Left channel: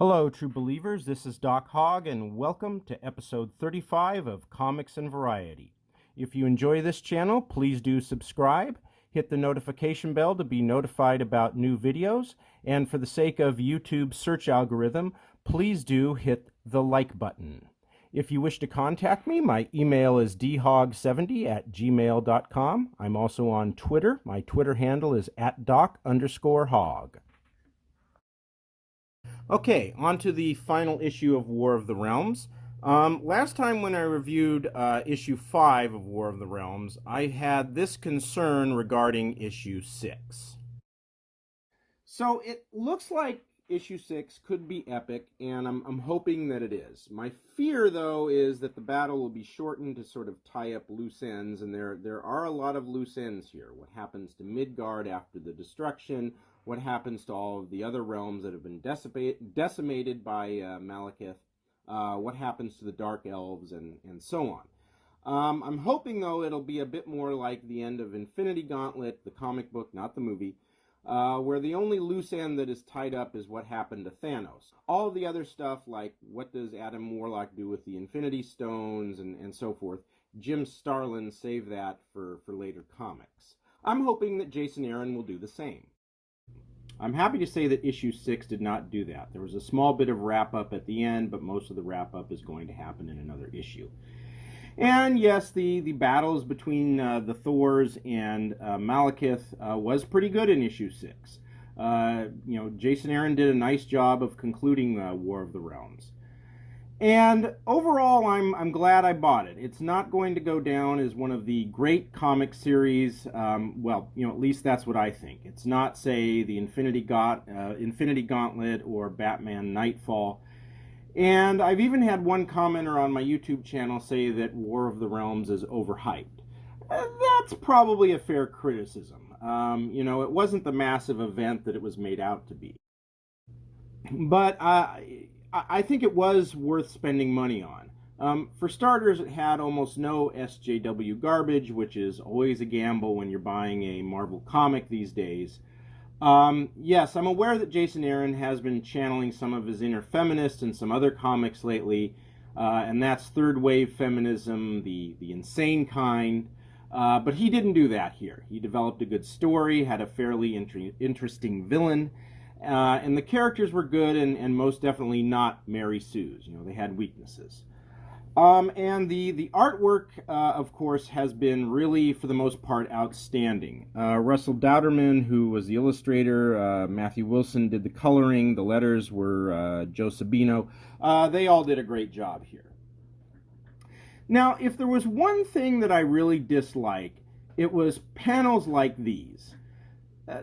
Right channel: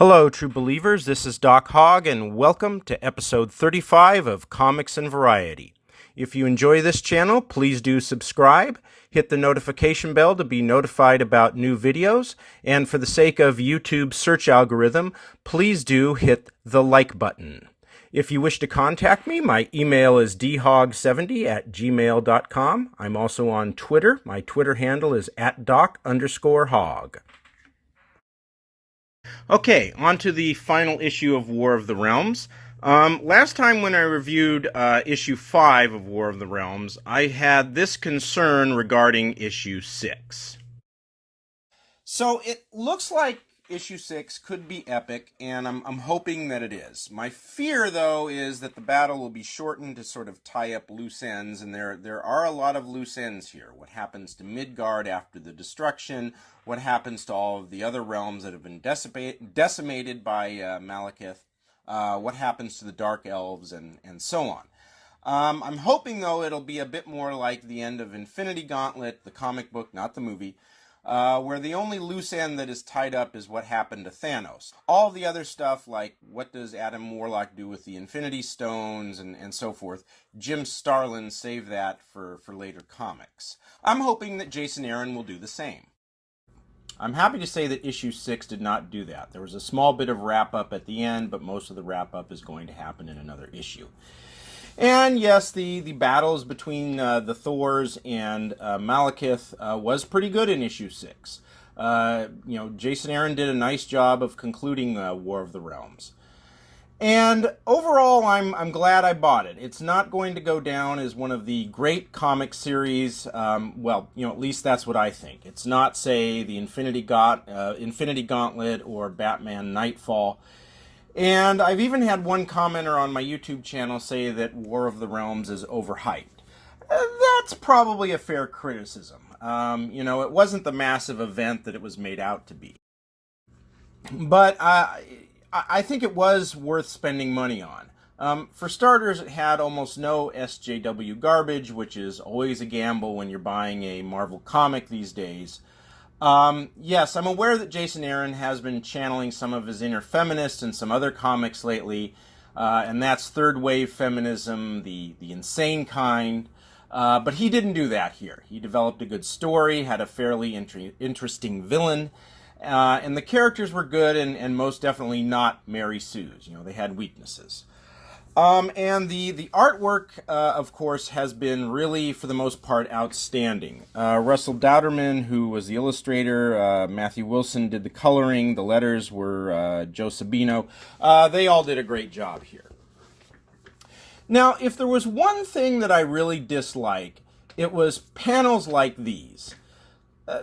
Hello, true believers. This is Doc Hogg, and welcome to episode 35 of Comics and Variety. If you enjoy this channel, please do subscribe, hit the notification bell to be notified about new videos, and for the sake of YouTube's search algorithm, please do hit the like button. If you wish to contact me, my email is dhog70@gmail.com. I'm also on Twitter. My Twitter handle is @doc_hog. Okay, on to the final issue of War of the Realms. Last time when I reviewed issue 5 of War of the Realms, I had this concern regarding issue 6. So it looks like issue 6 could be epic, and I'm hoping that it is. My fear, though, is that the battle will be shortened to sort of tie up loose ends, and there are a lot of loose ends here. What happens to Midgard after the destruction? What happens to all of the other realms that have been decimated by Malekith? What happens to the Dark Elves, and so on. I'm hoping, though, it'll be a bit more like the end of Infinity Gauntlet, the comic book, not the movie, where the only loose end that is tied up is what happened to Thanos. All the other stuff, like what does Adam Warlock do with the Infinity Stones and so forth, Jim Starlin saved that for later comics. I'm hoping that Jason Aaron will do the same. I'm happy to say that issue 6 did not do that. There was a small bit of wrap-up at the end, but most of the wrap-up is going to happen in another issue. And yes, the battles between the Thors and Malekith was pretty good in issue 6. Jason Aaron did a nice job of concluding the War of the Realms. And overall, I'm glad I bought it. It's not going to go down as one of the great comic series. At least that's what I think. It's not, say, the Infinity Gauntlet or Batman Nightfall. And I've even had one commenter on my YouTube channel say that War of the Realms is overhyped. That's probably a fair criticism. It wasn't the massive event that it was made out to be. But I think it was worth spending money on. For starters, it had almost no SJW garbage, which is always a gamble when you're buying a Marvel comic these days. Yes, I'm aware that Jason Aaron has been channeling some of his inner feminist in some other comics lately, and that's third wave feminism, the insane kind. But he didn't do that here. He developed a good story, had a fairly interesting villain, and the characters were good and most definitely not Mary Sue's. They had weaknesses. And the artwork, of course, has been really, for the most part, outstanding. Russell Dauterman, who was the illustrator, Matthew Wilson did the coloring, the letters were Joe Sabino. They all did a great job here. Now, if there was one thing that I really dislike, it was panels like these.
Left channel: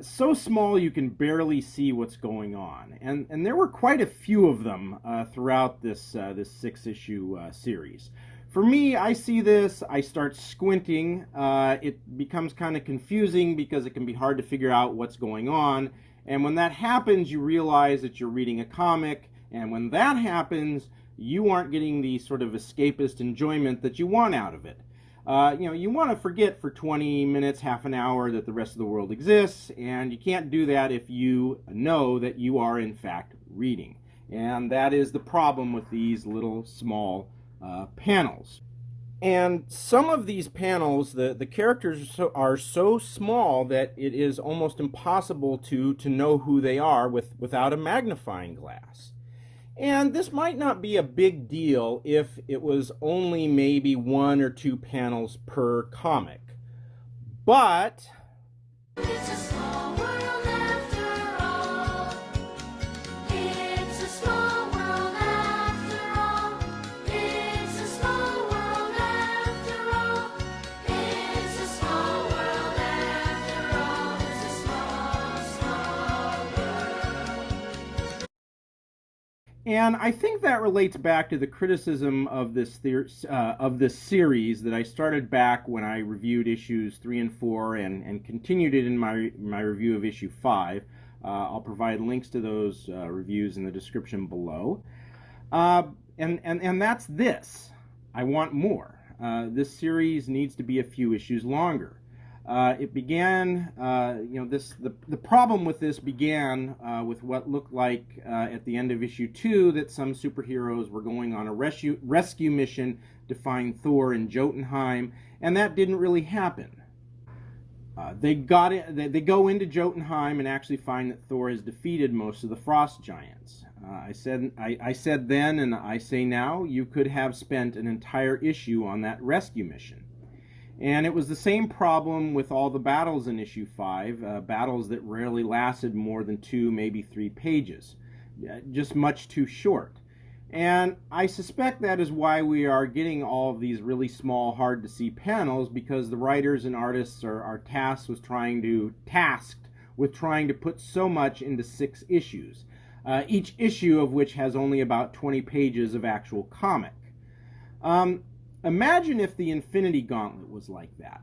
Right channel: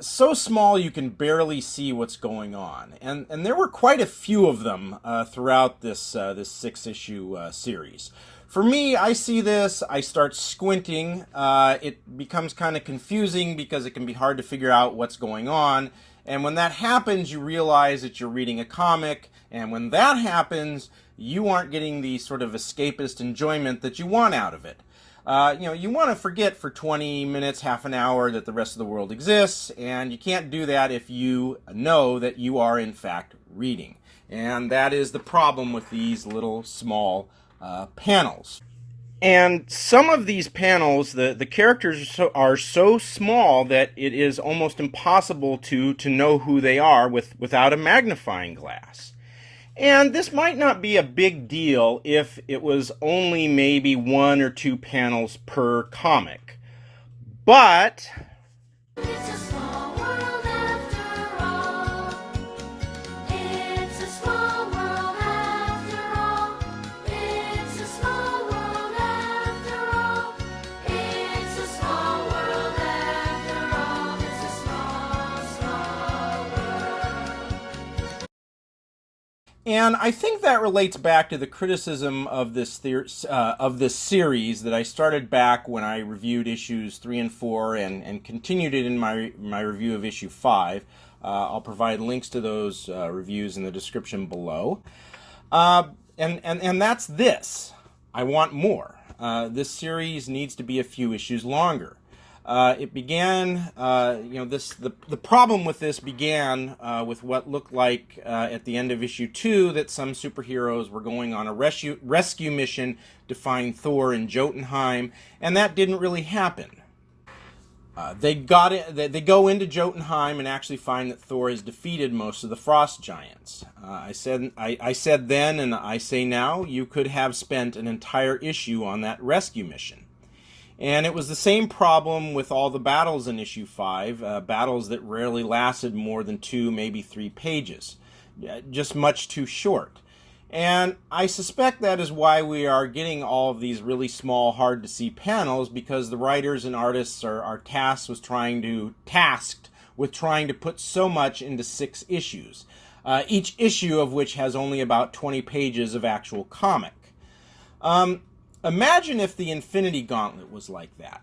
So small you can barely see what's going on. And there were quite a few of them throughout this 6-issue series. For me, I see this, I start squinting. It becomes kind of confusing because it can be hard to figure out what's going on. And when that happens, you realize that you're reading a comic. And when that happens, you aren't getting the sort of escapist enjoyment that you want out of it. You want to forget for 20 minutes, half an hour that the rest of the world exists, and you can't do that if you know that you are, in fact, reading. And that is the problem with these little small panels. And some of these panels, the characters are so small that it is almost impossible to know who they are without a magnifying glass. And this might not be a big deal if it was only maybe 1 or 2 panels per comic. But it's a small world after all. It's a small world after all. It's a small world after all. It's a small world after all. It's a small world. And I think that relates back to the criticism of this series that I started back when I reviewed issues 3 and 4 and continued it in my review of issue 5. I'll provide links to those reviews in the description below. And that's this. I want more. This series needs to be a few issues longer. It began, the problem with this began with what looked like at the end of issue 2 that some superheroes were going on a rescue mission to find Thor in Jotunheim, and that didn't really happen. They go into Jotunheim and actually find that Thor has defeated most of the frost giants. I said then, and I say now, you could have spent an entire issue on that rescue mission. And it was the same problem with all the battles in issue 5, battles that rarely lasted more than 2, maybe 3 pages. Just much too short. And I suspect that is why we are getting all of these really small, hard-to-see panels, because the writers and artists are tasked with trying to put so much into 6 issues, each issue of which has only about 20 pages of actual comic. Imagine if the Infinity Gauntlet was like that.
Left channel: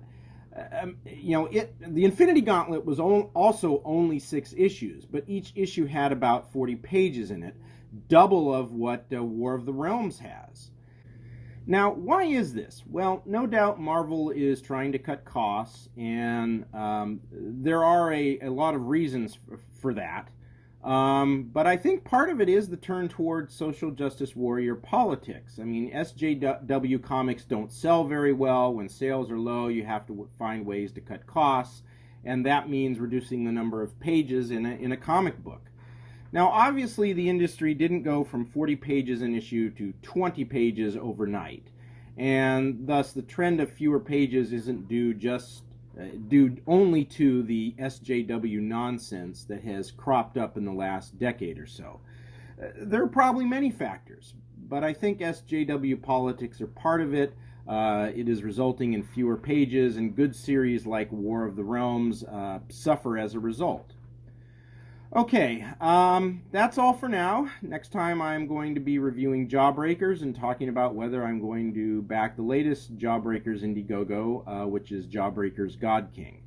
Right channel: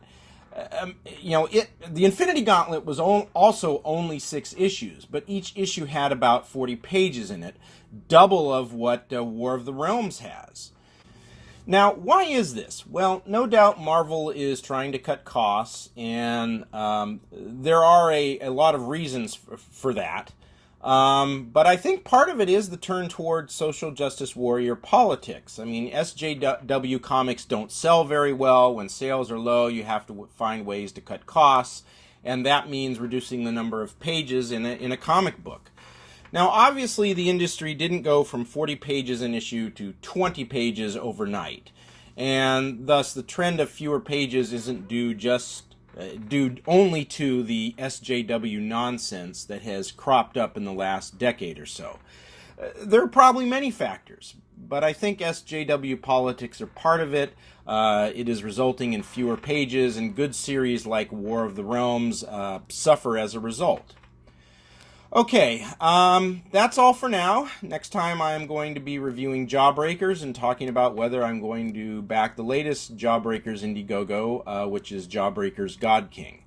The Infinity Gauntlet was also only 6 issues, but each issue had about 40 pages in it, double of what War of the Realms has. Now, why is this? Well, no doubt Marvel is trying to cut costs, and there are a lot of reasons for that. But I think part of it is the turn towards social justice warrior politics. I mean, SJW comics don't sell very well. When sales are low, you have to find ways to cut costs, and that means reducing the number of pages in a comic book. Now, obviously, the industry didn't go from 40 pages an issue to 20 pages overnight, and thus the trend of fewer pages isn't due only to the SJW nonsense that has cropped up in the last decade or so. There are probably many factors, but I think SJW politics are part of it. It is resulting in fewer pages, and good series like War of the Realms suffer as a result. Okay, that's all for now. Next time I'm going to be reviewing Jawbreakers and talking about whether I'm going to back the latest Jawbreakers Indiegogo, which is Jawbreakers God King.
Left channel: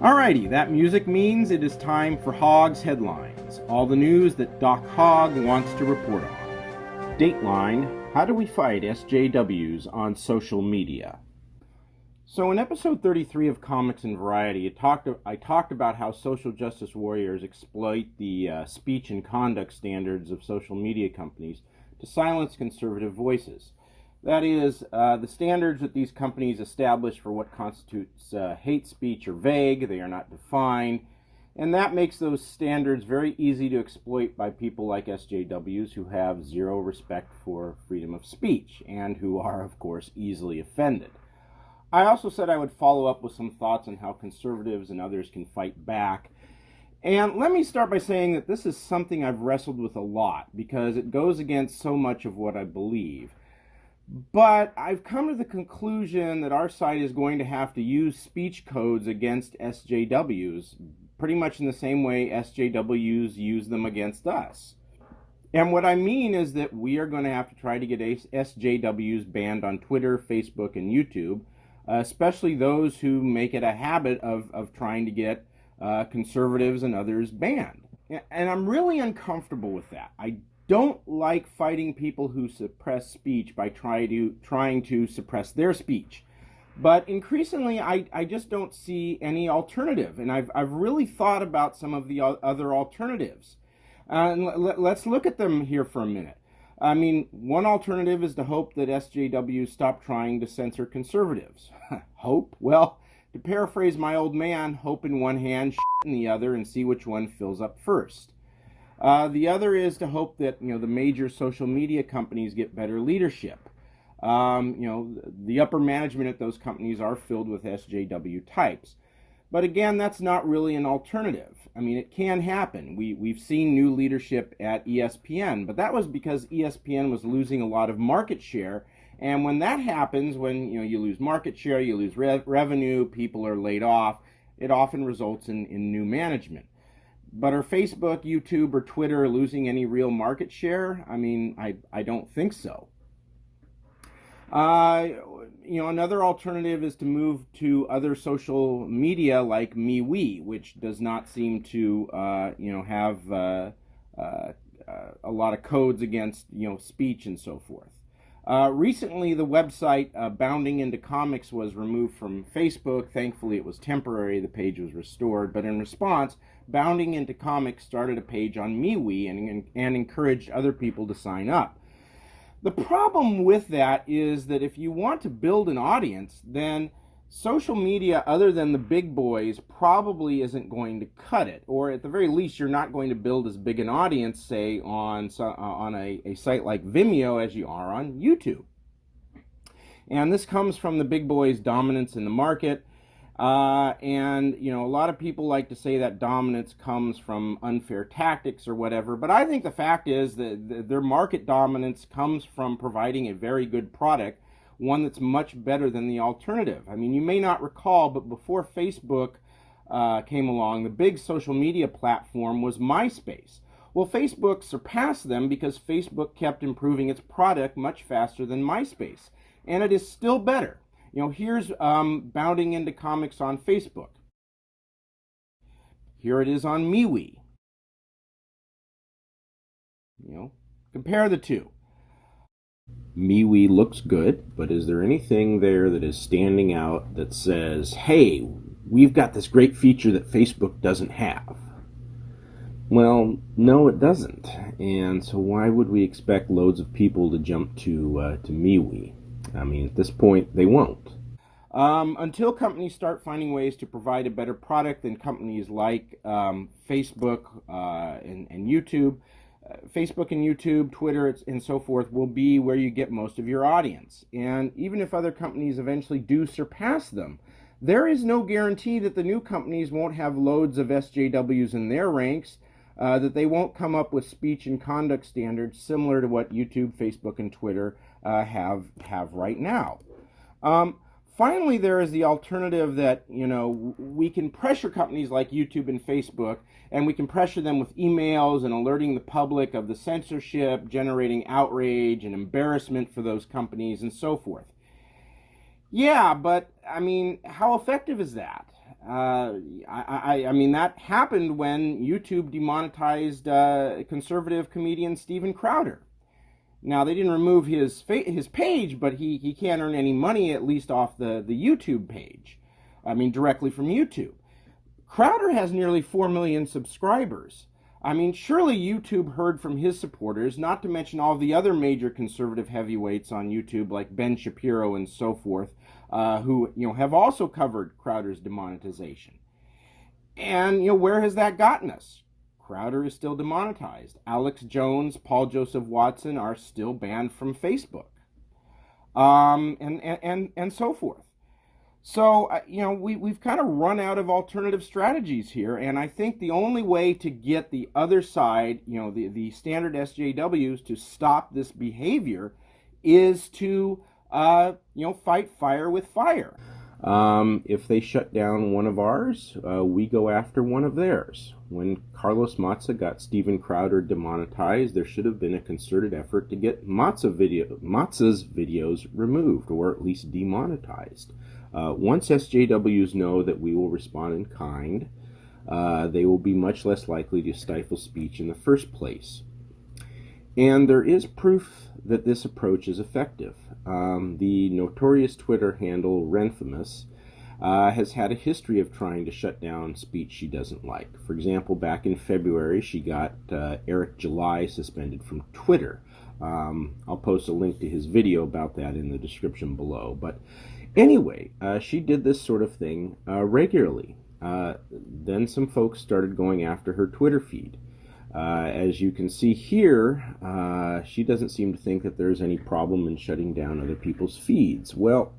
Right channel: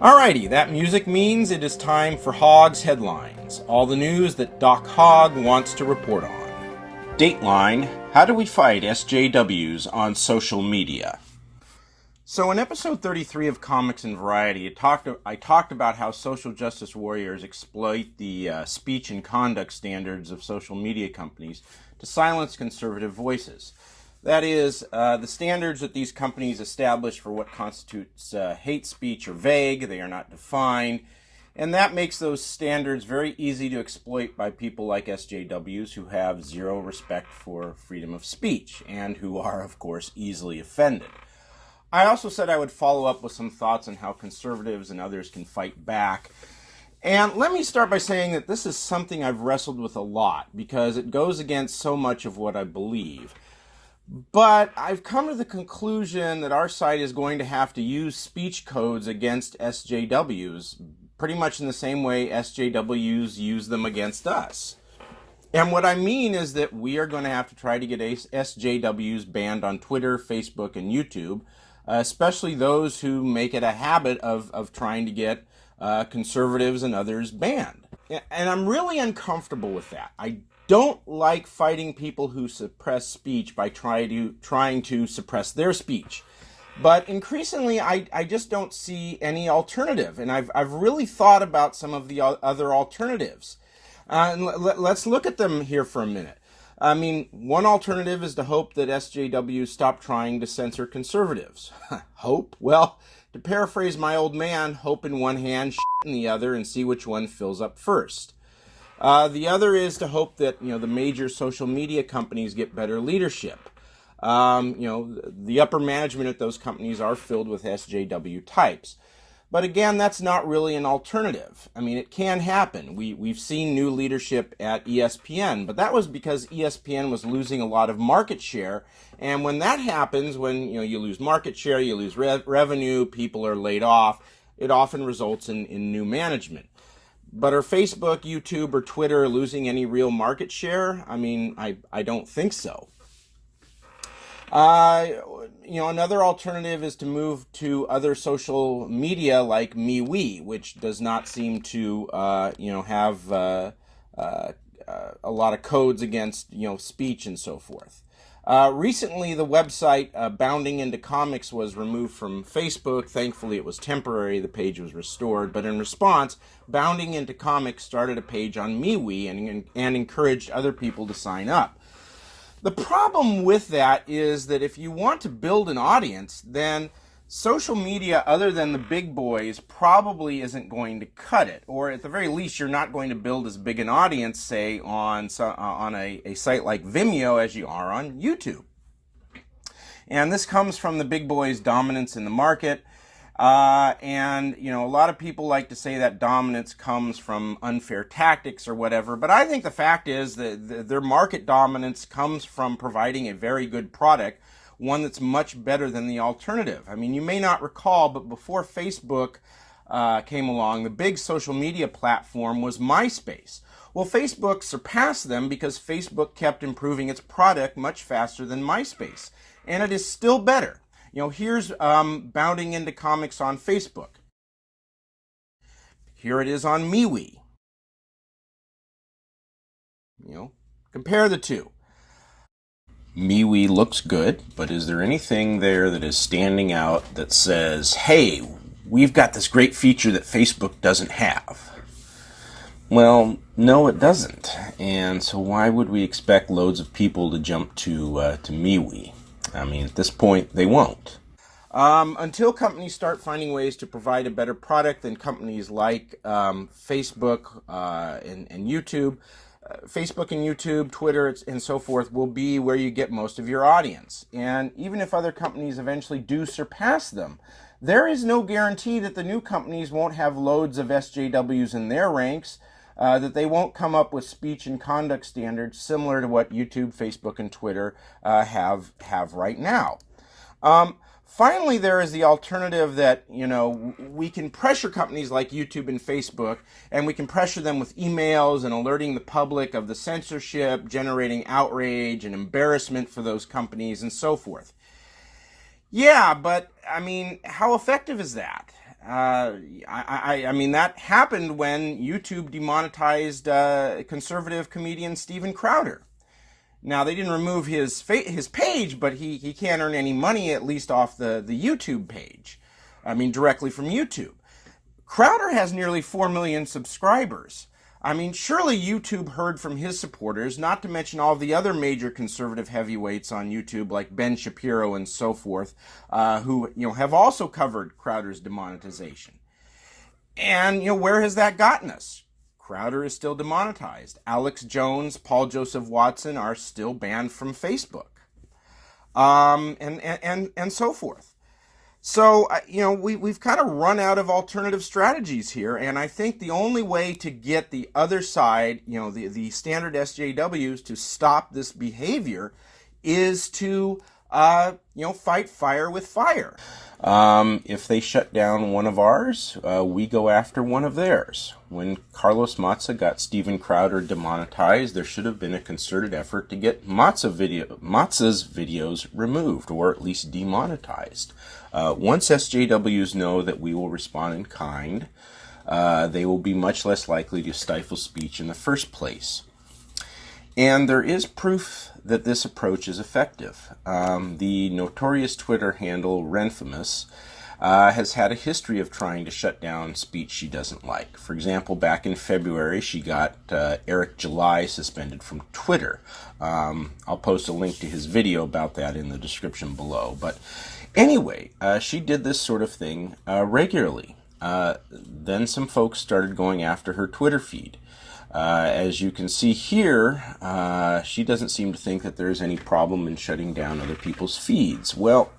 Alrighty, that music means it is time for Hogg's Headlines, all the news that Doc Hogg wants to report on. Dateline: How do we fight SJWs on social media? So in episode 33 of Comics and Variety, I talked about how social justice warriors exploit the speech and conduct standards of social media companies to silence conservative voices. That is, the standards that these companies establish for what constitutes hate speech are vague, they are not defined, and that makes those standards very easy to exploit by people like SJWs who have zero respect for freedom of speech and who are, of course, easily offended. I also said I would follow up with some thoughts on how conservatives and others can fight back. And let me start by saying that this is something I've wrestled with a lot because it goes against so much of what I believe. But I've come to the conclusion that our site is going to have to use speech codes against SJWs, pretty much in the same way SJWs use them against us. And what I mean is that we are going to have to try to get SJWs banned on Twitter, Facebook, and YouTube, especially those who make it a habit of trying to get conservatives and others banned. And I'm really uncomfortable with that. I don't like fighting people who suppress speech by trying to suppress their speech. But increasingly, I just don't see any alternative. And I've really thought about some of the other alternatives. Let's look at them here for a minute. I mean, one alternative is to hope that SJWs stop trying to censor conservatives. Hope? Well, to paraphrase my old man, hope in one hand, shit in the other, and see which one fills up first. The other is to hope that, the major social media companies get better leadership. The upper management at those companies are filled with SJW types. But again, that's not really an alternative. I mean, it can happen. We've seen new leadership at ESPN, but that was because ESPN was losing a lot of market share. And when that happens, when you lose market share, you lose revenue, people are laid off, it often results in new management. But are Facebook, YouTube, or Twitter losing any real market share? I mean, I don't think so. Another alternative is to move to other social media like MeWe, which does not seem to, have a lot of codes against, speech and so forth. Recently, the website Bounding Into Comics was removed from Facebook. Thankfully, it was temporary. The page was restored. But in response, Bounding Into Comics started a page on MeWe and encouraged other people to sign up. The problem with that is that if you want to build an audience, then social media other than the big boys probably isn't going to cut it, or at the very least you're not going to build as big an audience, say on a site like Vimeo as you are on YouTube. And this comes from the big boys' dominance in the market. And a lot of people like to say that dominance comes from unfair tactics or whatever, but I think the fact is that their market dominance comes from providing a very good product, one that's much better than the alternative. I mean, you may not recall, but before Facebook came along, the big social media platform was MySpace. Well, Facebook surpassed them because Facebook kept improving its product much faster than MySpace, and it is still better. Here's Bounding Into Comics on Facebook. Here it is on MeWe. Compare the two. MeWe looks good, but is there anything there that is standing out that says, hey, we've got this great feature that Facebook doesn't have? Well, no, it doesn't. And so why would we expect loads of people to jump to MeWe? I mean, at this point, they won't. Until companies start finding ways to provide a better product than companies like Facebook and YouTube, Facebook and YouTube, Twitter, and so forth will be where you get most of your audience. And even if other companies eventually do surpass them, there is no guarantee that the new companies won't have loads of SJWs in their ranks, that they won't come up with speech and conduct standards similar to what YouTube, Facebook, and Twitter have right now. Finally, there is the alternative that, we can pressure companies like YouTube and Facebook, and we can pressure them with emails and alerting the public of the censorship, generating outrage and embarrassment for those companies and so forth. Yeah, but, I mean, how effective is that? I mean, that happened when YouTube demonetized conservative comedian Steven Crowder. Now, they didn't remove his page, but he can't earn any money, at least off the YouTube page. I mean, directly from YouTube. Crowder has nearly 4 million subscribers. I mean, surely YouTube heard from his supporters, not to mention all the other major conservative heavyweights on YouTube, like Ben Shapiro and so forth, who have also covered Crowder's demonetization. And where has that gotten us? Crowder is still demonetized. Alex Jones, Paul Joseph Watson are still banned from Facebook, and so forth. So, we've kind of run out of alternative strategies here, and I think the only way to get the other side, the standard SJWs, to stop this behavior is to, fight fire with fire. If they shut down one of ours, we go after one of theirs. When Carlos Maza got Steven Crowder demonetized, there should have been a concerted effort to get Maza's videos removed, or at least demonetized. Once SJWs know that we will respond in kind, they will be much less likely to stifle speech in the first place. And there is proof that this approach is effective. The notorious Twitter handle Renfamous has had a history of trying to shut down speech she doesn't like. For example, back in February, she got Eric July suspended from Twitter. I'll post a link to his video about that in the description below. But anyway, she did this sort of thing regularly. Then some folks started going after her Twitter feed. As you can see here, she doesn't seem to think that there's any problem in shutting down other people's feeds. Well,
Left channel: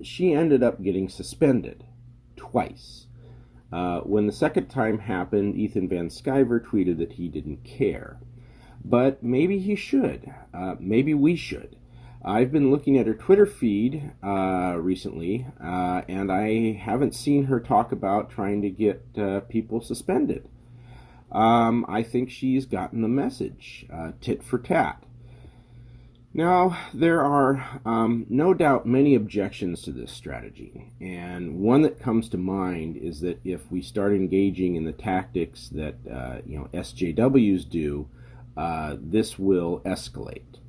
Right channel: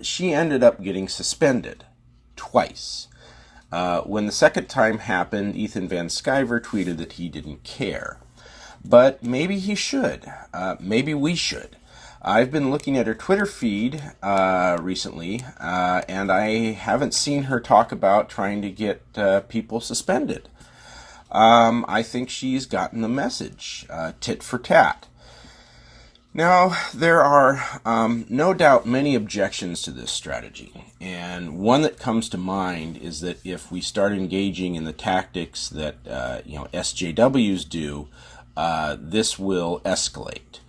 she ended up getting suspended twice. When the second time happened, Ethan Van Sciver tweeted that he didn't care. But maybe he should. Maybe we should. I've been looking at her Twitter feed recently, and I haven't seen her talk about trying to get people suspended. I think she's gotten the message, tit for tat. Now, there are no doubt many objections to this strategy, and one that comes to mind is that if we start engaging in the tactics that SJWs do, this will escalate.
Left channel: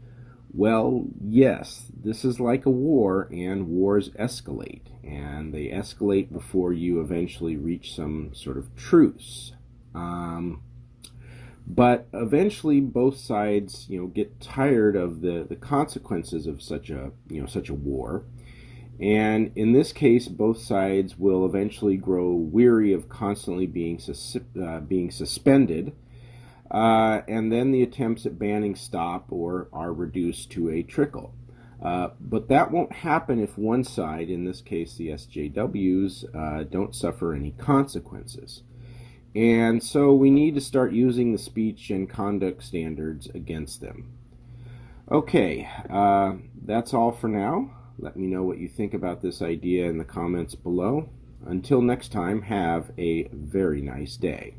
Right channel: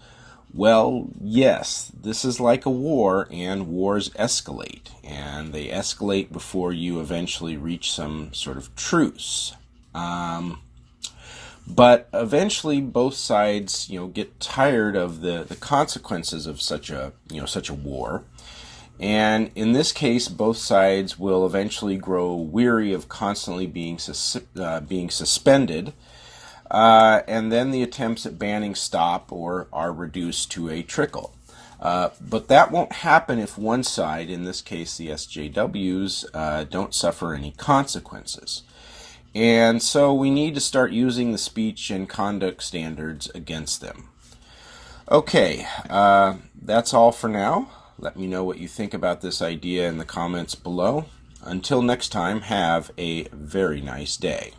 Well, yes, this is like a war, and wars escalate, and they escalate before you eventually reach some sort of truce. But eventually, both sides, get tired of the consequences of such a war, and in this case, both sides will eventually grow weary of constantly being suspended. And then the attempts at banning stop or are reduced to a trickle. But that won't happen if one side, in this case the SJWs, don't suffer any consequences. And so we need to start using the speech and conduct standards against them. Okay, that's all for now. Let me know what you think about this idea in the comments below. Until next time, have a very nice day.